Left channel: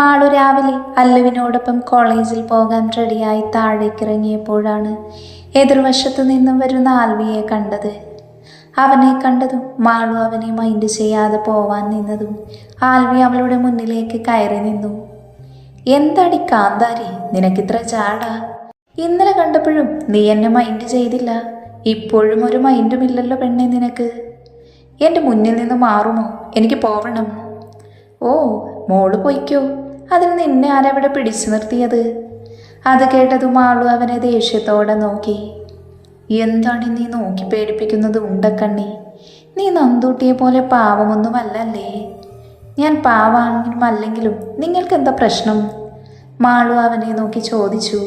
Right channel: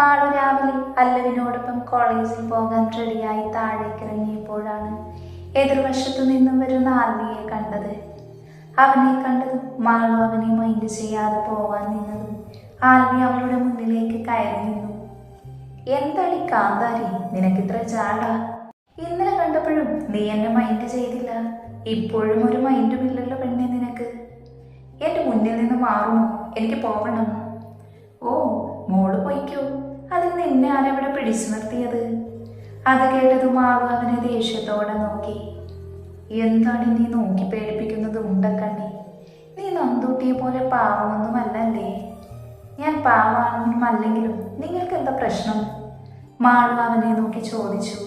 മാളു രാവിലെ അല്ലുവിനോടൊപ്പം കോളേജിൽ പോകാൻ റെഡിയായി താഴേക്കിറങ്ങിയപ്പോഴാണ് എതിർവശത്തു നിന്നും വരുന്ന ആൽവിയെ കണ്ടത്. അവനെ കണ്ടതും മാളു അവനെ മൈൻഡ് ചെയ്യാതെ പോവാൻ നിന്നതും ആൽവി അവളുടെ മുന്നിലേക്ക് കയറി നിന്നു. എന്താടി കാന്താരി, നിനക്കിത്ര ചാടാ? ഇന്നലെ കണ്ടപ്പോഴും നീ എന്നെ മൈൻഡ് ചെയ്തില്ല, ഇപ്പോഴും ഒരു മൈൻഡുമില്ലല്ലോ പെണ്ണെ നിനക്ക്. എൻ്റെ മുന്നിൽ നിന്ന് മാറുമോ? എനിക്ക് പോവണം. ഓ, മോള് പൊയ്ക്കോ, അതിന് നിന്നെ ആരവിടെ പിടിച്ചു നിർത്തിയത്? അത് കേട്ടതും മാളു അവനെ ദേഷ്യത്തോടെ നോക്കി. എന്താണ് നീ നോക്കി പേടിപ്പിക്കുന്നത് ഉണ്ടക്കണ്ണി? നീ നന്തൂട്ടിയെ പോലെ പാവമൊന്നുമല്ലല്ലേ. ഞാൻ പാവാണെങ്കിലും അല്ലെങ്കിലും നിങ്ങൾക്കെന്താ പ്രശ്നം? മാളു അവനെ നോക്കി ചോദിച്ചു.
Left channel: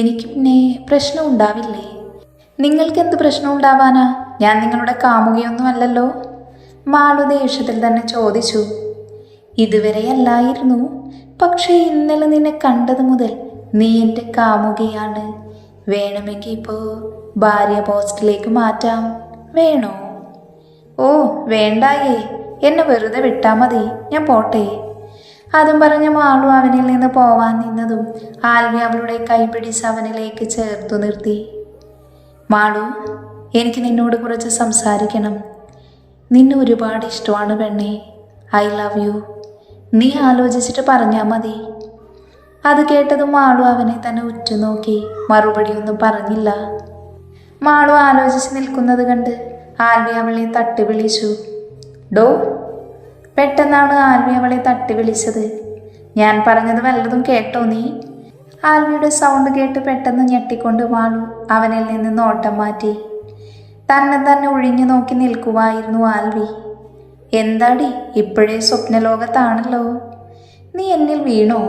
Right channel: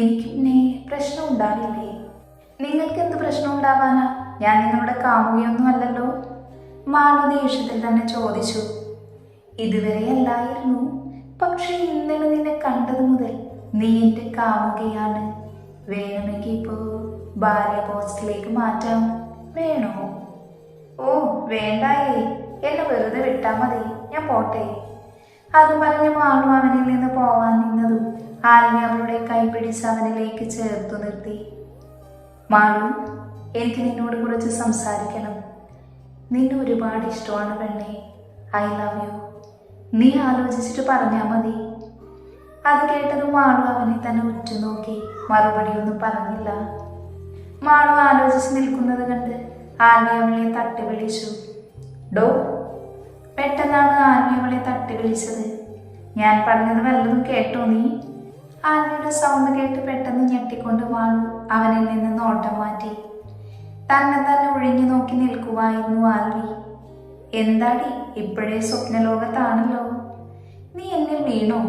എനിക്ക് പിന്നെ പ്രശ്നം ഉണ്ടാവില്ലേ? നിങ്ങൾക്കെന്ത് പ്രശ്നം ഉണ്ടാവാനാ? ഞാൻ നിങ്ങളുടെ കാമുകയൊന്നും അല്ലല്ലോ. മാളു ദേഷ്യത്തിൽ തന്നെ ചോദിച്ചു. ഇതുവരെ അല്ലായിരുന്നു, പക്ഷേ ഇന്നലെ നിന്നെ കണ്ടത് മുതൽ നീ എൻ്റെ കാമുകയാണ്. വേണമെങ്കിൽ ഇപ്പോൾ ഭാര്യ പോസ്റ്റിലേക്ക് മാറ്റാം, വേണോ? ഓ വേണ്ടായേ, എന്നെ വെറുതെ വിട്ടാൽ മതി, ഞാൻ പോട്ടെ. അതും പറഞ്ഞ് മാളു അവനിൽ നിന്ന് പോവാൻ നിന്നതും ആൽവി അവളുടെ കൈ പിടിച്ച് അവനിലേക്ക് ചേർത്തു നിർത്തി. മാളു, എനിക്ക് നിന്നോട് കുറച്ച് സംസാരിക്കണം. നിന്നെ ഒരുപാട് ഇഷ്ടമാണ് പെണ്ണേ. I love you. നീ ആലോചിച്ചിട്ട് പറഞ്ഞാൽ മതി. അത് കേട്ടതും മാളു അവനെ തന്നെ ഉറ്റുനോക്കി മറുപടിയൊന്നും പറഞ്ഞില്ല. മാളു ആലോചിച്ച് നിൽക്കുന്നത് കണ്ട് ആൽവി അവളെ തട്ടി വിളിച്ചു. ഡോ. പെട്ടെന്നാണ് ആൽവി അവളെ തട്ടി വിളിച്ചത്. ഞാൻ പറഞ്ഞത് വല്ലതും കേട്ടോ നീ? ആൽവിയുടെ സൗണ്ട് കേട്ട് പെട്ടെന്ന് ഞെട്ടിക്കൊണ്ട് മാളു അവനിൽ നിന്ന് നോട്ടം മാറ്റി. തന്നെ ഒഴിഞ്ഞു നോക്കി നിൽക്കുവായിരുന്നു ആൽവി. എന്താടി, ഇപ്പോഴേ സ്വപ്നലോകത്താണല്ലോ. നീ എന്നിൽ വീണോ?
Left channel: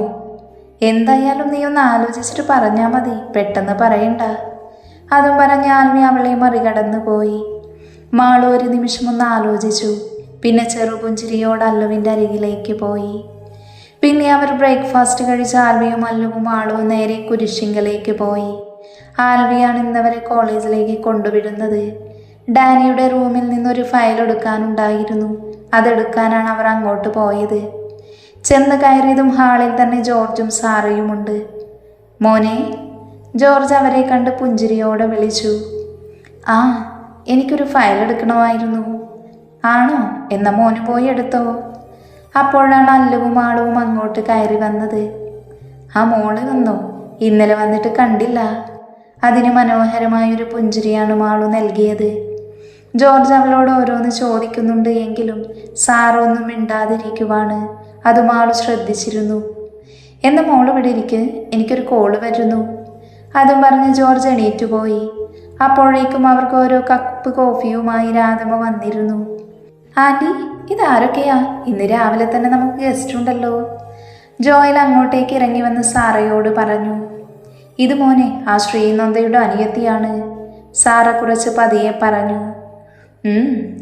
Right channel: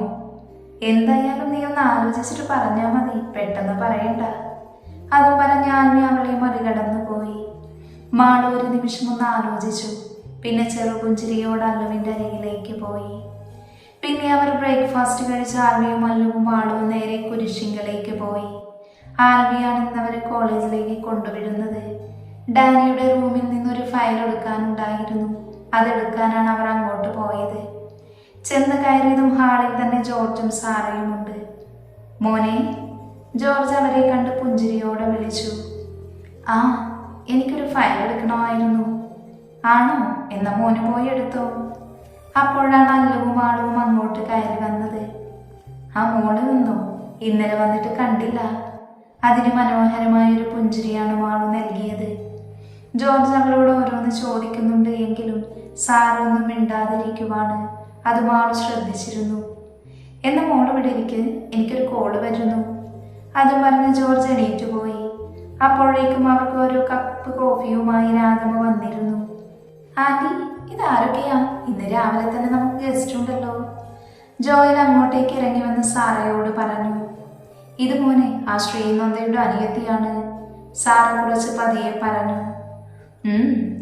എന്തായാലും നീ ഒന്ന് ആലോചിച്ചിട്ട് പറഞ്ഞാൽ മതി, പെട്ടെന്ന് പറയണ്ട. അതും പറഞ്ഞ് ആൽവി അവളെ മറികടന്നു പോയി. മാളു ഒരു നിമിഷം ഒന്ന് ആലോചിച്ചു. പിന്നെ ചെറുപുഞ്ചിരിയോട് അല്ലുവിൻ്റെ അരികിലേക്ക് പോയി. പിന്നെ അവർ ബ്രേക്ക്ഫാസ്റ്റ് കഴിച്ച് ആൽവിയും അല്ലുവും മാളുവും നേരെ കുരിശിങ്കലേക്ക് പോയി. ആൽവിയാണ് ഇന്നവരെ കോളേജിലേക്ക് കൊണ്ടുവിടുന്നത്. ഡാനിയുടെ റൂമിൽ നിന്നൊരു ഫയൽ എടുക്കാനുണ്ടായിരുന്നു. അതെടുക്കാനാണ് അവർ അങ്ങോട്ട് പോയത്. ചെന്ന് കയറിയതും ഹാളിൽ തന്നെ ജോർജും സാറയുമുണ്ട്. മോനെ. ജോർജ് അവരെ കണ്ട് പുഞ്ചിരിയോടെ വിളിച്ചു. ആ, എനിക്കൊരു ഫയൽ എടുക്കണമായിരുന്നു. ആണോ? എന്നാ മോന് പോയി എടുത്തോ. അപ്പോഴാണ് അല്ലുവും ആളുവും അങ്ങോട്ട് കയറി വന്നത്. ആ മോള് വന്നോ? ഇന്നലെ വന്നിട്ട് കണ്ടില്ല. അതിന് മനോഹരമായൊരു പുഞ്ചിരിയാണ് മാളു നൽകിയത്. ജോർജ് അവളോട് ഓരോന്ന് ചോദിക്കുന്നുണ്ട് എങ്കിലും സാറൊന്നും മിണ്ടാതിരിക്കുവാണ്. അത് മാളു ശ്രദ്ധിച്ചിരുന്നു. എന്ന മോള് ഇവിടെ ഇരിക്ക്, എനിക്കൊരു കോള് വരുന്നു. അതും പറഞ്ഞ് ജോർജ് എണീറ്റു പോയി. അപ്പോഴേക്കും അവർക്ക് ഓരോ കപ്പ് കോഫിയുമായി രാധമ്മ വന്നിരുന്നു. ആൻറ്റി, ഇതാരൊക്കെയാ? ഇന്ന് രാവിലെ തന്നെ നമുക്ക് ഗസ്റ്റ് ഉണ്ടല്ലോ. ജോയൽ അങ്ങോട്ടേക്ക് ഇറങ്ങി വന്ന് സാറയോട് പറഞ്ഞു. ഇത് മോനെ, ആ ശ്രീനന്ദയുടെ അനിയത്തിയാണ്. സാറ കുറച്ച് പതിയെ പറഞ്ഞു.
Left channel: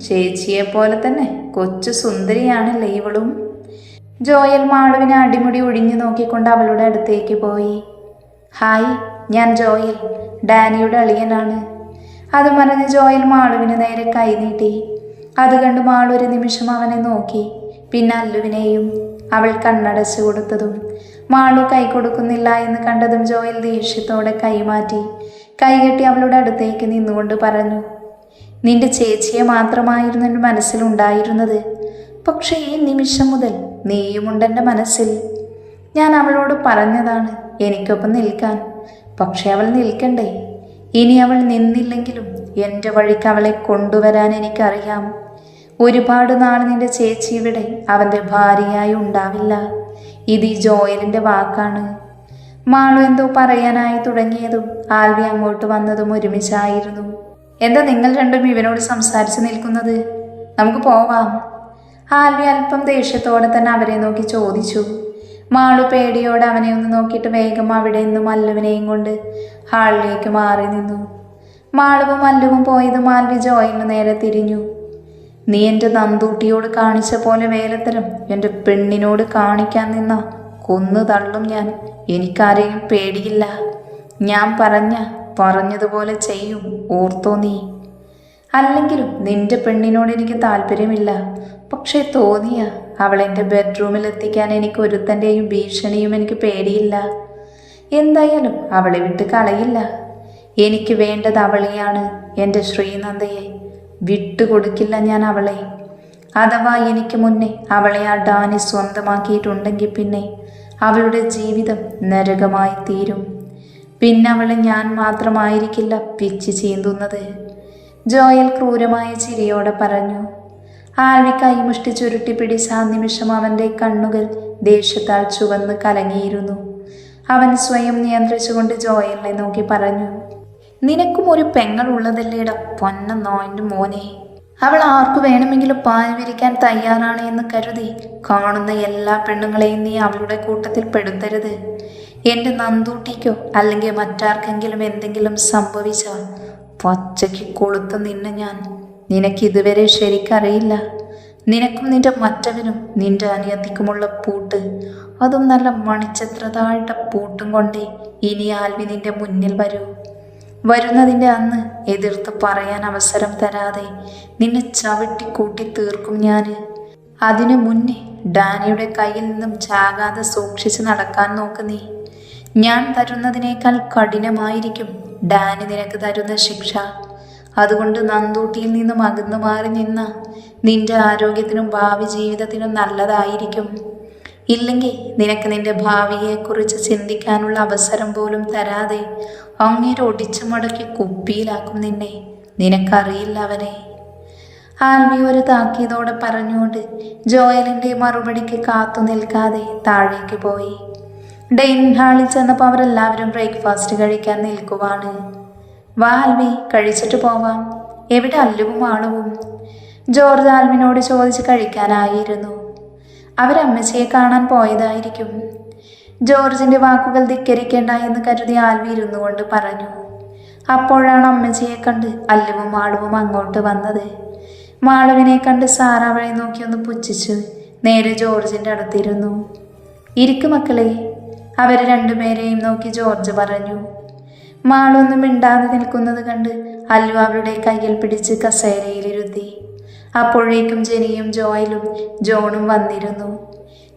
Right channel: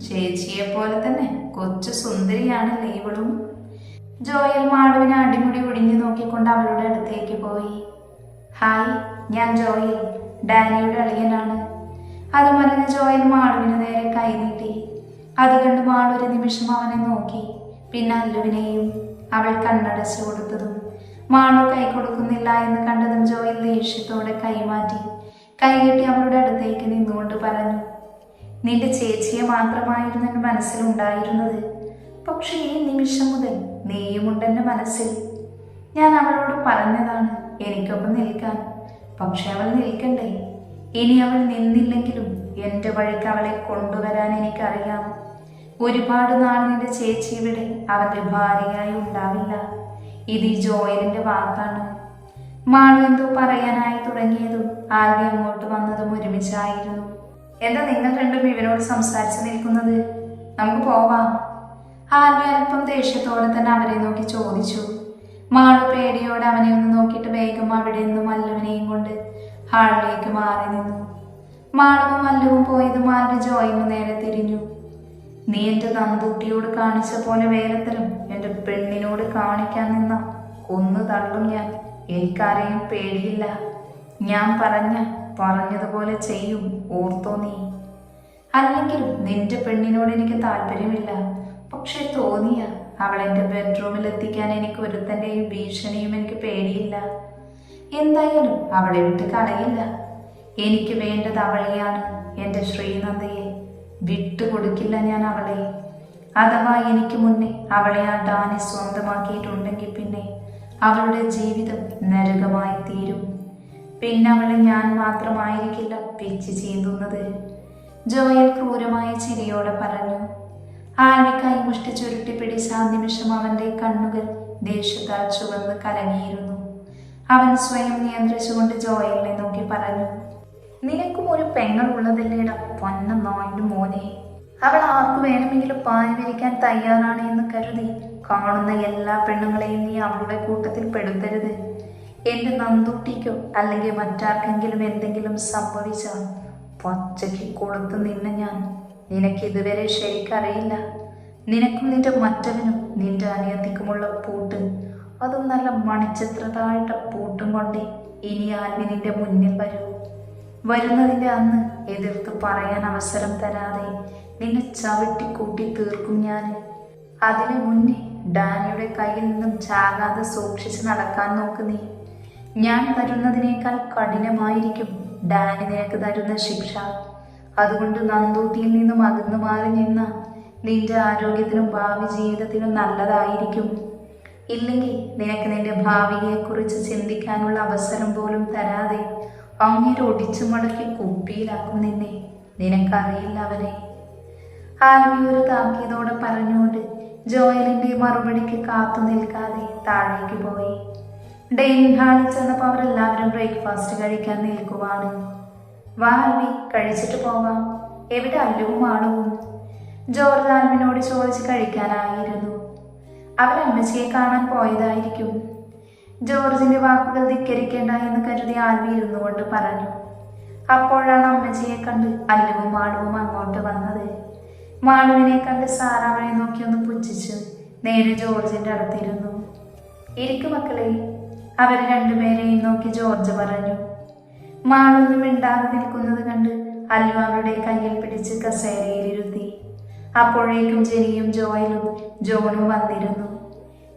ചേച്ചിയെ പോലെ തന്നെ കൊച്ചു സുന്ദരിയാണല്ലേ ഇവളും. ജോയൽ മാളുവിനെ അടിമുടി ഒഴിഞ്ഞു നോക്കിക്കൊണ്ട് അവളുടെ അടുത്തേക്ക് പോയി. ഹായ്, ഞാൻ ജോയൽ, ഡാനിയുടെ അളിയനാണ്. അത് പറഞ്ഞ് ജോയൽ മാളുവിന് നേരെ കൈ നീട്ടി. അത് കണ്ട് മാളു ഒരു നിമിഷം അവനെ നോക്കി, പിന്നെ അല്ലുവിനെയും. അവൾ കണ്ണടച്ചു കൊടുത്തതും മാളു കൈ കൊടുക്കുന്നില്ല എന്ന് കണ്ടതും ജോയൽ ദേഷ്യത്തോടെ കൈമാറ്റി കൈകെട്ടി അവളുടെ അടുത്തേക്ക് നിന്നുകൊണ്ട് പറഞ്ഞു. നിന്റെ ചേച്ചിയെ മാത്രമായിരുന്നു എൻ്റെ മനസ്സിലുണ്ടായിരുന്നത്, പക്ഷേ ഈ നിമിഷം മുതൽ നീയുമുണ്ടെൻ്റെ മനസ്സിൽ. ഞാൻ അവളോട് പറഞ്ഞതാണ് എനിക്കൊപ്പം നിൽക്കാൻ, പക്ഷെ അവൾ നിൽക്കണ്ടേ? ഇനി അവൾ നിന്നില്ലെങ്കിലും എൻ്റെ വഴിക്ക് അവളെ കൊണ്ടുവരാൻ എനിക്കറിയാം. ഒരുപാട് നാൾ നിന്റെ ചേച്ചി ഇവിടെ അവൻ്റെ ഭാര്യയായി ഉണ്ടാവില്ല. ഇത് ഈ ജോയലിൻ്റെ വാക്കാണ്. മാളു എന്തോ പറയാനായി തുടങ്ങിയതും ആൽവി അങ്ങോട്ട് വന്നതും ഒരുമിച്ചായിരുന്നു. എന്താ നിങ്ങൾ രണ്ടും ഇവനോട് സംസാരിച്ച് നിൽക്കുന്നത്? നമുക്ക് പോവാം. ആൽവി അല്പം ദേഷ്യത്തോടെ തന്നെ അവരെ നോക്കി ചോദിച്ചു. മാളു പേടിയോടെ അവനെ ഒന്ന് നോക്കിയിട്ട് വേഗം അവിടെ നിന്നും അല്ലുവിനെയും കൊണ്ട് ഹാളിലേക്ക് മാറി നിന്നു. മാളുവും അല്ലുവും പോയതും ആൽവി ജോയിന് നേരെ തിരിഞ്ഞു. നീ എൻ്റെ നന്തൂട്ടിയോട് കാണിച്ച പോലെ വേലത്തരം എൻ്റെ പെണ്ണിനോട് കാണിക്കാൻ നിന്ന കൊന്നു തള്ളും ഞാൻ. എനിക്കാരെയും പേടിയില്ല. ഞാൻ പറഞ്ഞതുപോലെ ചെയ്യും, ഓർത്തോ നീ. അല്ലെങ്കിലും നിന്റെ പെണ്ണിനോട് എനിക്ക് താല്പര്യമില്ല, പക്ഷേ തോന്നിയ അവളെൻ്റെ ബെഡ്റൂമിൽ എത്തിക്കാൻ എനിക്ക് ഒരുത്തൻ്റെയും ഭീഷണിയും എനിക്ക് പേടിയില്ല. എന്തായാലും അവളെ വിട്ട് കളയില്ല. എനിക്ക് വേണ്ടത് അവളെയാണ്, എൻ്റെ ശ്രീനന്ദയെ. വിട്ടുകൊടുക്കില്ല ഞാൻ അവളെ. അഥവാ എനിക്ക് മുന്നേ അവളെ ആ ഡാനി സ്വന്തമാക്കിയിട്ടുണ്ടെങ്കിൽ പിന്നെ അവളുടെ ജീവിതം നരകമായി തീരും. പിന്നെ അവളെ ഞാൻ മാത്രമായിരിക്കില്ല പിച്ച് ചീന്തുന്നത്. ജോയൽ ക്രൂരമായ ചിരിയോടെ പറഞ്ഞു. ആൽവി കൈമുഷ്ടി ചുരുട്ടി പിടിച്ച ആ നിമിഷം അവൻ്റെ കണ്ണുകൾ ദേഷ്യത്താൽ ചുവന്ന് കലങ്ങിയിരുന്നു. അവൻ സ്വയം നിയന്ത്രിച്ചുകൊണ്ട് ജോയലിനെ നോക്കി പറഞ്ഞു, നിനക്കും ഒരു പെങ്ങൾ ഉള്ളതല്ലേട പൊന്ന നോയിൻ്റെ മോനെ. അവൾ ആർക്കു വേണമെങ്കിലും പാൽ വിരിക്കാൻ തയ്യാറാണ് എന്ന് കരുതി കാണുന്ന എല്ലാ പെണ്ണുങ്ങളെയും നീ അവളുടെ കൂട്ടത്തിൽ പെടുത്തരുത്. എൻ്റെ നന്ദൂട്ടിക്കോ അല്ലെങ്കിൽ മറ്റാർക്കെങ്കിലും എന്തെങ്കിലും സംഭവിച്ച പച്ചയ്ക്ക് കൊളുത്ത് നിന്നെ ഞാൻ. നിനക്കിതുവരെ ശരിക്കറിയില്ല. നിനക്കും നിന്റെ മറ്റവനും നിന്റെ അനിയത്തിക്കുമുള്ള പൂട്ട്, അതും നല്ല മണിച്ചത്രതായിട്ട പൂട്ടും കൊണ്ടേ ഇനി ആൽവി നിന്റെ മുന്നിൽ വരൂ. വരുന്നതിൻ്റെ അന്ന് എതിർത്ത് പറയാൻ അവസരം തരാതെ നിന്നെ ചവിട്ടി കൂട്ടി തീർക്കും ഞാൻ. അതിനു മുന്നേ ഡാനിയുടെ കയ്യിൽ നിന്നും ചാകാതെ സൂക്ഷിച്ച് നടക്കാൻ നോക്ക് നീ. ഞാൻ തരുന്നതിനേക്കാൾ കഠിനമായിരിക്കും ഡാനി നിനക്ക് തരുന്ന ശിക്ഷ. അതുകൊണ്ട് നന്ദൂട്ടിയിൽ നിന്നും അകന്നു മാറി നിന്ന നിന്റെ ആരോഗ്യത്തിനും ഭാവി ജീവിതത്തിനും നല്ലതായിരിക്കും. ഇല്ലെങ്കിൽ നിനക്ക് നിന്റെ ഭാവിയെക്കുറിച്ച് ചിന്തിക്കാനുള്ള അവസരം പോലും തരാതെ അങ്ങേരെ ഒടിച്ചു മടക്കി കുപ്പിയിലാക്കും നിന്നെ. നിനക്കറിയില്ല അവനെ. ആൽവി ഒരു താക്കീതോടെ പറഞ്ഞുകൊണ്ട് ജോയലിൻ്റെ മറുപടിക്ക് കാത്തു നിൽക്കാതെ താഴേക്ക് പോയി. ഡൈനിങ് ഹാളിൽ ചെന്നപ്പോൾ അവരെല്ലാവരും ബ്രേക്ക്ഫാസ്റ്റ് കഴിക്കാൻ നിൽക്കുവാണ്. വാ ആൽവി, കഴിച്ചിട്ട് പോവാം. എവിടെ അല്ലുവും ആളുവും? ജോർജ് ആൽവിനോട് ചോദിച്ച് കഴിക്കാനായിരുന്നു. അവരമ്മച്ചിയെ കാണാൻ പോയതായിരിക്കും. ജോർജിൻ്റെ വാക്കുകൾ ധിക്കരിക്കേണ്ട എന്ന് കരുതി ആൽവി ഇരുന്നു കൊണ്ട് പറഞ്ഞു. അപ്പോഴാണ് അമ്മച്ചിയെ കണ്ട് അല്ലുവും മാളുവും അങ്ങോട്ട് വന്നത്. മാളുവിനെ കണ്ട് സാറ അവളെ നോക്കി ഒന്ന് പുച്ഛിച്ചു നേരെ ജോർജിൻ്റെ അടുത്തിരുന്നു. ഇരിക്കു മക്കളെ, അവരെ രണ്ടുപേരെയും നോക്കി ജോർജ് പറഞ്ഞു. മാളൊന്നും മിണ്ടാതെ നിൽക്കുന്നത് കണ്ട് അല്ലു അവളുടെ കയ്യിൽ പിടിച്ച് കസേരയിലിരുത്തി. അപ്പോഴേക്കും ജെനിയും ജോയലും ജോണും വന്നിരുന്നു.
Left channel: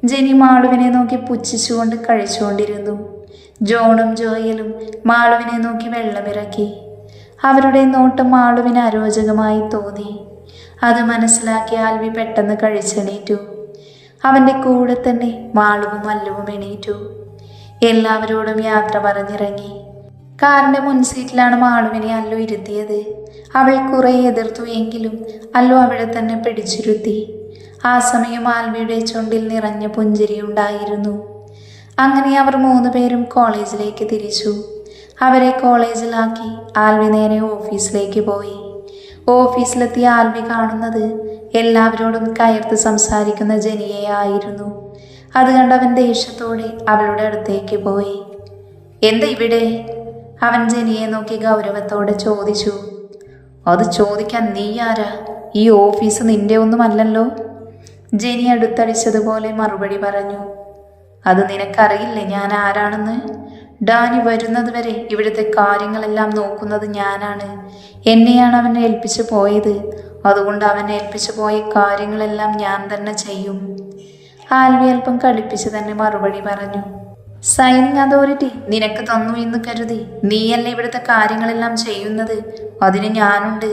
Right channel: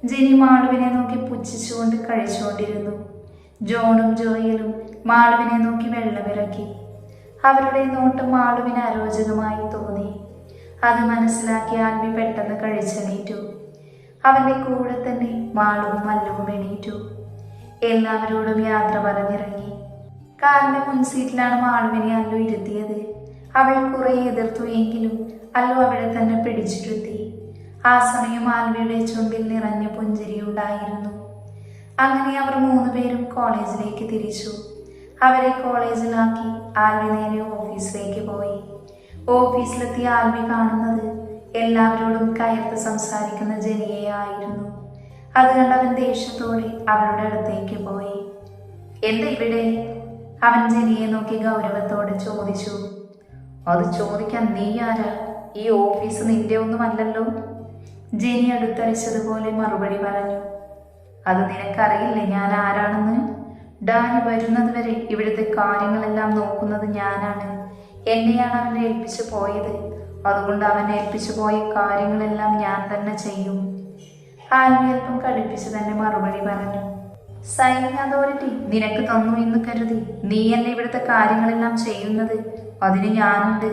ജെനി മാളുവിനെ നോക്കി പുച്ഛിച്ചുകൊണ്ട് കഴിച്ചുകൊണ്ടിരുന്നു. ജോണും ജോയലും മാളുവിനെ നോക്കി വെള്ളമിറക്കി. അവരുടെ നോട്ടം മാളുവിന് അരോചകമായി തോന്നി. അത് മനസ്സിലാക്കി ആൽവി പെട്ടെന്ന് കഴിച്ചെണീറ്റു. അവൻ്റെ കൂടെ തന്നെ മാളുവും അല്ലുവും എണീറ്റു. എല്ലാവരോടും യാത്ര പറഞ്ഞിറങ്ങി. കാറിൻ്റെ മുൻസീറ്റിലാണ് മാളുവിനെ അല്ലു ഇരുത്തിയത്. അവൾ കുറെ എതിർത്തു എങ്കിലും അല്ലു അവളെ തന്നെ പിടിച്ചിരുത്തി. ആ സമയം ആൽവിയുടെ ചുണ്ടിൽ നിറഞ്ഞ പുഞ്ചിരി ഉണ്ടായിരുന്നു. അങ്ങനെ അവർ 3 പേരും കോളേജിലേക്ക് തിരിച്ചു. അവരെ കോളേജിലാക്കി ആൽവി നേരെ ഓഫീസിലേക്ക് പോയി. ഓഫീസിലെത്തിയ ആൽവി കാണുന്നത് എല്ലാവരോടും കയർത്ത് സംസാരിക്കുന്ന ജെനിയെ ആയിരുന്നു. അത് കണ്ടവൻ ദേഷ്യത്തോടെ അവളുടെ അടുത്തേക്ക് പോയി. എന്താ ഇവിടെ? അവൻ ജെനിയെ നോക്കി ഗൗരവത്തോടെ ചോദിച്ചു. അത് ചോദിക്കാൻ നീ ആരാ? ഈ ഓഫീസ് നിന്റെ ഒന്നുമല്ലല്ലോ. ജെനി അടുത്തടിച്ചതുപോലെ മറുപടി പറഞ്ഞു. അത് നിനക്കറിയില്ലേ ഞാൻ ആരാണെന്ന്? ഡാനി വരുന്നത് വരെ ഇവിടുത്തെ കാര്യങ്ങളെല്ലാം നോക്കുന്നത് ഞാനാണ്. എന്നെയാണ് അവനെ ഏൽപ്പിച്ചു പോയത്. അതുകൊണ്ട് അവനെ ഏൽപ്പിച്ചു പോയ കാര്യങ്ങളെല്ലാം ഞാൻ തന്നെ ചെയ്യും. ആൽവി അല്പം കടുപ്പിച്ച് തന്നെ മറുപടി പറഞ്ഞു. സൈനിങ് അതോറിറ്റി നിനക്ക് തന്നു എന്ന് കരുതി നീയല്ലേ ഇവിടുത്തെ കാര്യങ്ങളെല്ലാം ചെയ്യുന്നത്? അതിന് ഞാനുണ്ട്.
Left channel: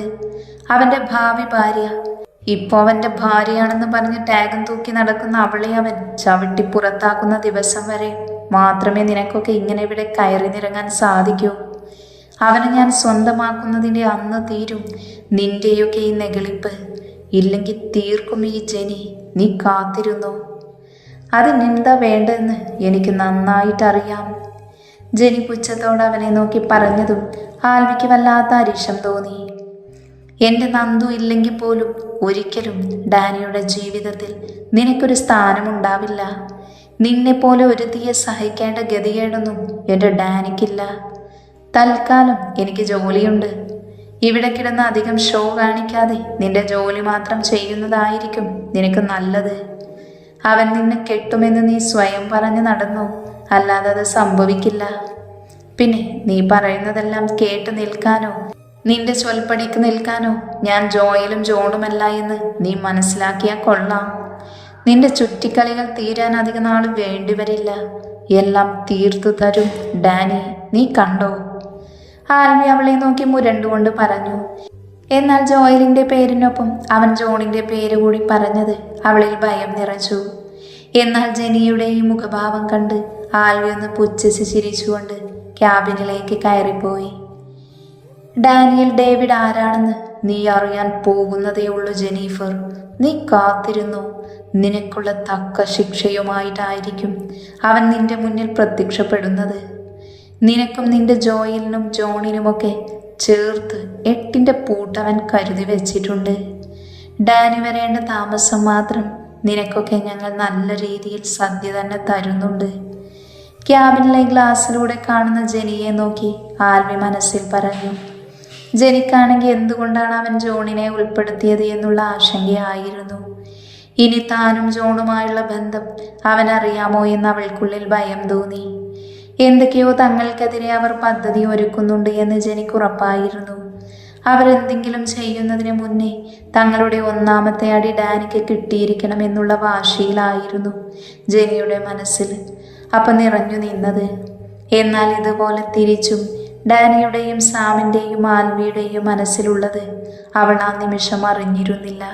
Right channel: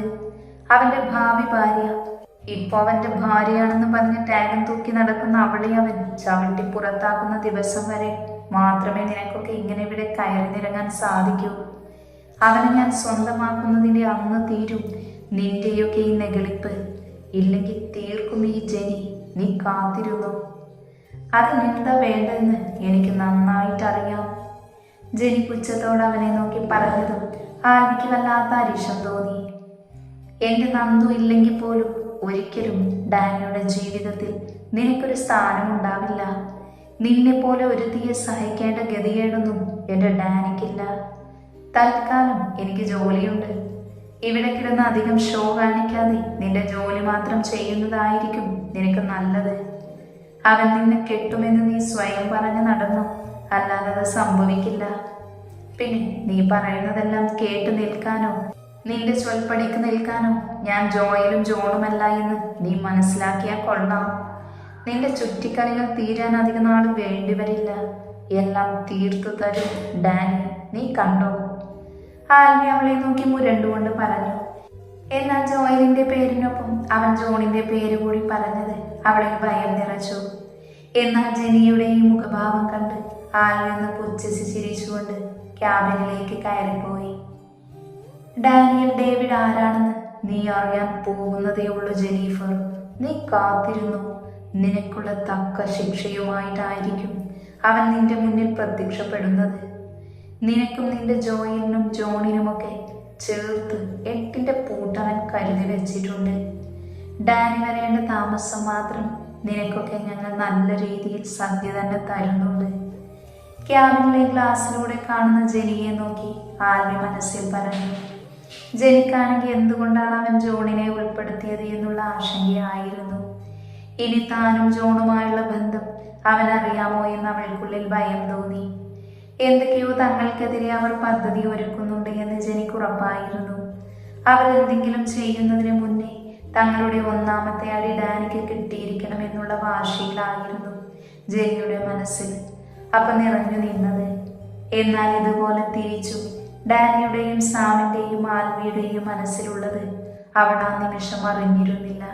അവൻ്റെ ഭാവി ഭാര്യ, ഇപ്പോൾ അവൻ്റെ ഭാര്യയാണെന്ന് പറഞ്ഞ് ടാഗും തൂക്കി നടക്കുന്ന അവളെ അവൻ ചവിട്ടി പുറത്താക്കുന്ന ദിവസം വരെ മാത്രമേ നിനക്കൊക്കെ ഇങ്ങനെ ഇവിടെ കയറി നിറങ്ങാൻ സാധിക്കൂ. അവനെ ഞാൻ സ്വന്തമാക്കുന്നതിൻ്റെ അന്ന് തീരും നിന്റെയൊക്കെ ഈ നെഗളിപ്പ്. ഇല്ലെങ്കിൽ തീർക്കും ഈ ജെനി. നീ കാത്തിരുന്നു. അതിനെന്താ വേണ്ടെന്ന് എനിക്ക് നന്നായിട്ടറിയാം. ജെനി പുച്ഛത്തോടെ അവനെ നോക്കി പറഞ്ഞതും ആൽവിക്ക് വല്ലാത്ത അരിശം തോന്നി. എൻ്റെ നന്ദു ഇല്ലെങ്കിൽ പോലും ഒരിക്കലും ഡാനിയുടെ ജീവിതത്തിൽ നിനക്കൊരു സ്ഥാനമുണ്ടാവില്ല. നിന്നെപ്പോലെ ഒരുത്തിയെ സഹിക്കേണ്ട ഗതികേടൊന്നും എൻ്റെ ഡാനിക്കില്ല. തൽക്കാലം എനിക്ക് ജോലിയുണ്ട്. ഇവിടെ കിടന്ന് അധികം ഷോ കാണിക്കാതെ നിന്റെ ജോലി മാത്രം ചെയ്യുന്നതായിരിക്കും നിനക്ക് നല്ലത്. അവൻ നിന്നെ കെട്ടുമെന്ന് നീ സ്വയം പറഞ്ഞ് നടന്നു, അല്ലാതെ അത് സംഭവിക്കില്ല. പിന്നെ നീ പറയുന്നതെല്ലാം കേട്ട് നിൽക്കാനോ നിന്റെ ചൊൽപ്പടിക്ക് നിൽക്കാനോ ഞാൻ ജോയലും ജോണുമല്ല എന്ന് നീ മനസ്സിലാക്കിയാൽ കൊള്ളാം. നിന്റെ ചുറ്റിക്കളികൾ തീരാൻ അധിക നാൾ വേണ്ടിവരില്ല. എല്ലാം തീർത്തു തരും ഡാനി, നീ കണ്ടോ? ആൽവി അവളെ നോക്കി മുരണ്ടുകൊണ്ട് പറഞ്ഞു. എന്നാൽ ജോയലിൻ്റെ പേരിനൊപ്പം അവൻ ജോണിൻ്റെ പേര് കൂടി പറഞ്ഞത് അവളിൽ ഭയം നിറച്ചു. എന്നാൽ ജെനിയുടെ ഈ മുഖഭാവം കണ്ട് ആൽവി ഒന്ന് പുച്ഛിച്ച് ചിരിച്ചുകൊണ്ട് ക്യാബിനിലേക്ക് കയറിപ്പോയി. ഡാനിയൽ ഡേവിഡ് ആരാണെന്ന് നീ അറിയാൻ പോകുന്നതേ ഉള്ളൂ ജെനീഫർ. നീ കാത്തിരുന്നു. നിനക്കുള്ള തക്ക ശിക്ഷയുമായിട്ടായിരിക്കും അവൻ നിന്റെ മുന്നിൽ പ്രത്യക്ഷപ്പെടുന്നത്. നിനക്കും നിന്റെ ജോയലിനും ജോണിനുമൊക്കെ ചേർത്ത് 8ന്റെ പൂട്ടവൻ കരുതി വെച്ചിട്ടുണ്ട്. ഡാനി വരേണ്ട താമസം മാത്രം നിനക്കൊക്കെ ഞങ്ങൾ നല്ല രീതിയിൽ സദ്യ തന്നെ തരുന്നുണ്ട്. ക്യാബിനിലെ ഗ്ലാസ്സിലൂടെ കാണുന്ന ജെനിയെ നോക്കി ആൽവി മനസ്സിൽ പറഞ്ഞു. ജെനിക്കാണെങ്കിൽ എന്തുകൊണ്ടാണ് അവൻ ജോണിനെ ഉൾപ്പെടുത്തിയത് എന്നുള്ള ആശങ്കയായിരുന്നു. ഇനി താനും ജോണുമായുള്ള ബന്ധം അവനറിയാമോ എന്ന് അവൾക്കുള്ളിൽ ഭയം തോന്നി. എന്തൊക്കെയോ തങ്ങൾക്കെതിരെ അവർ പദ്ധതി ഒരുക്കുന്നുണ്ട് എന്ന് ജെനിക്ക് ഉറപ്പായിരുന്നു. അവർ എന്തെങ്കിലും ചെയ്യുന്നതിന് മുന്നേ തങ്ങളുടെ ഒന്നാമത്തെ അടി ഡാനിക്ക് കിട്ടിയിരിക്കണമെന്നുള്ള വാശിയിലായിരുന്നു ജെനിയുടെ മനസ്സിൽ അപ്പം നിറഞ്ഞു നിന്നത്. എന്നാൽ ഇതുപോലെ തിരിച്ചും ഡാനിയുടെയും സാമിൻ്റെയും ആൽവിയുടെയും മനസ്സിലുള്ളത് അവൾ ആ നിമിഷം അറിഞ്ഞിരുന്നില്ല.